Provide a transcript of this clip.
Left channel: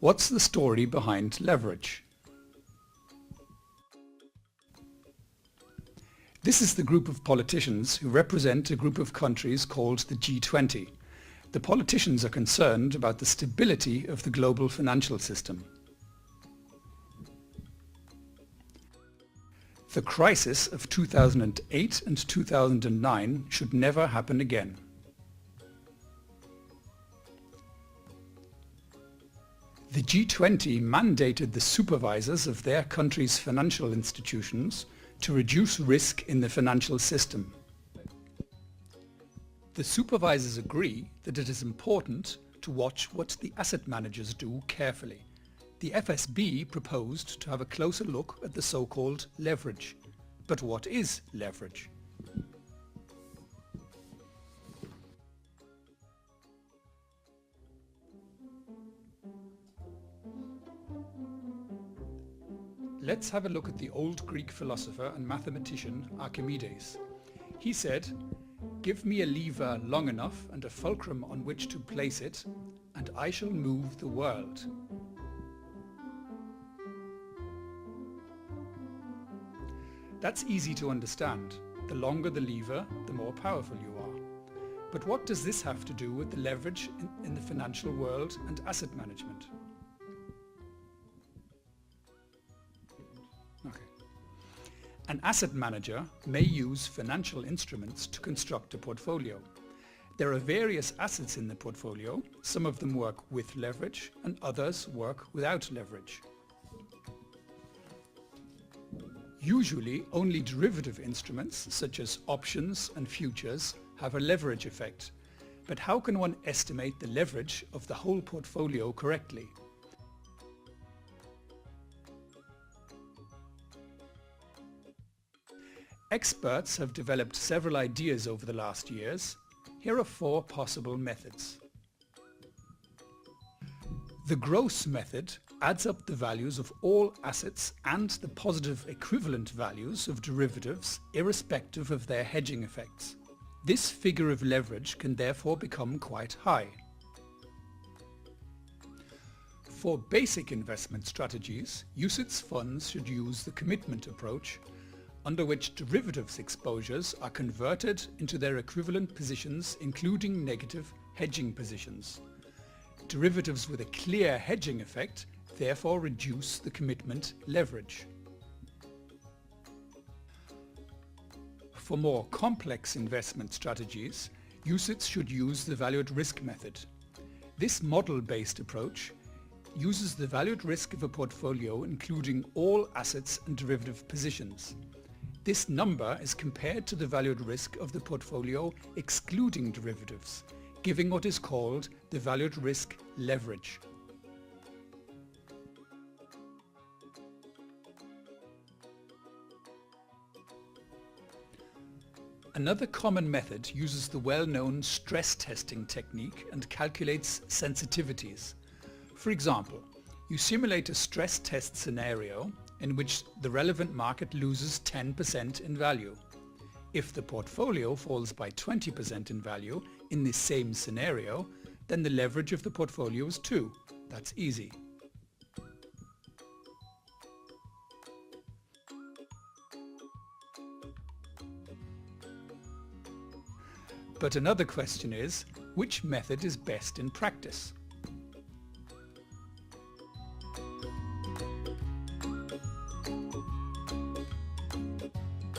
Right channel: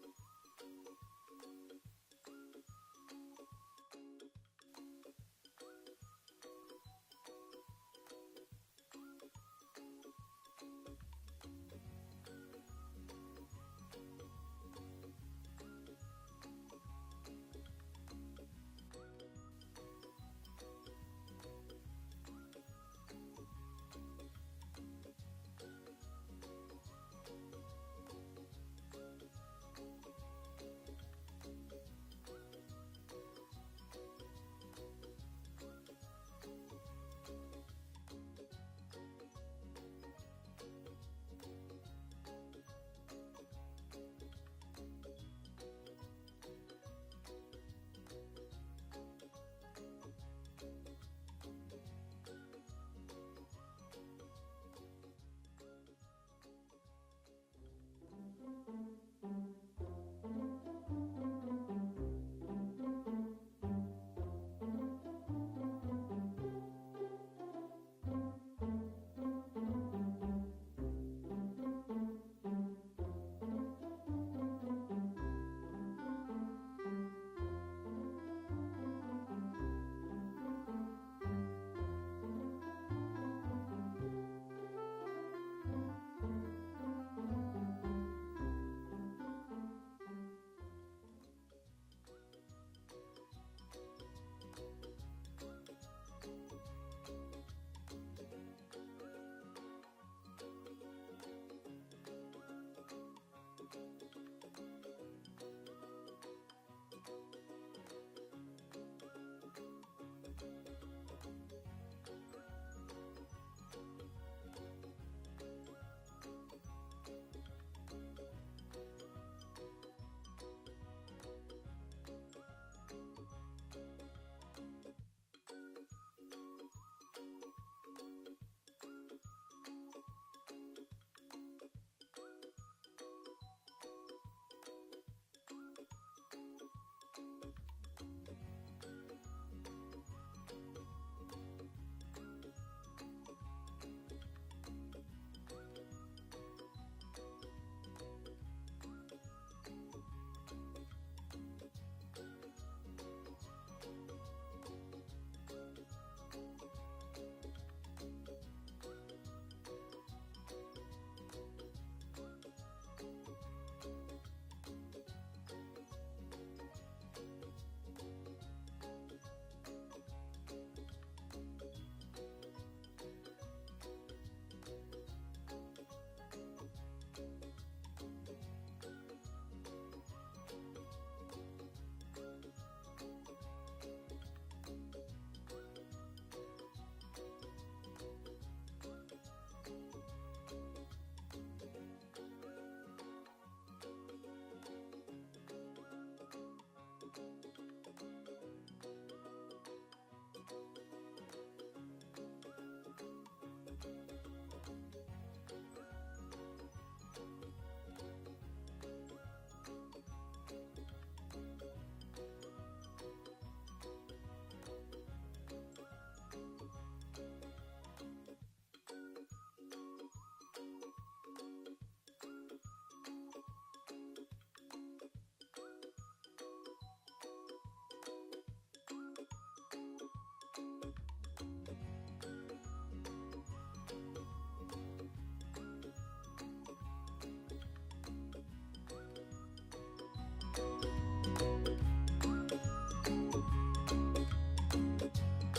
What's the story behind leverage? This is the group of politicians who represent a group of countries called the G20. The politicians are concerned about the stability of the global financial system. The crisis of 2008 and 2009 should never happen again. The G20 mandated the supervisors of their country's financial institutions to reduce risk in the financial system. The supervisors agree that it is important to watch what the asset managers do carefully. The FSB proposed to have a closer look at the so-called leverage. But what is leverage? Let's have a look at the old Greek philosopher and mathematician Archimedes. He said, "Give me a lever long enough and a fulcrum on which to place it, and I shall move the world." That's easy to understand. The longer the lever, the more powerful you are. But what does this have to do with the leverage in the financial world and asset management? An asset manager may use financial instruments to construct a portfolio. There are various assets in the portfolio. Some of them work with leverage and others work without leverage. Usually only derivative instruments such as options and futures have a leverage effect. But how can one estimate the leverage of the whole portfolio correctly? Experts have developed several ideas over the last years. Here are 4 possible methods. The gross method adds up the values of all assets and the positive equivalent values of derivatives irrespective of their hedging effects. This figure of leverage can therefore become quite high. For basic investment strategies, UCITS funds should use the commitment approach, under which derivatives exposures are converted into their equivalent positions, including negative hedging positions. Derivatives with a clear hedging effect therefore reduce the commitment leverage. For more complex investment strategies, UCITS should use the value at risk method. This model-based approach uses the value at risk of a portfolio including all assets and derivative positions. This number is compared to the value at risk of the portfolio excluding derivatives, giving what is called the value at risk leverage. Another common method uses the well-known stress testing technique and calculates sensitivities. For example, you simulate a stress test scenario in which the relevant market loses 10% in value. If the portfolio falls by 20% in value in this same scenario, then the leverage of the portfolio is 2. That's easy. But another question is, which method is best in practice?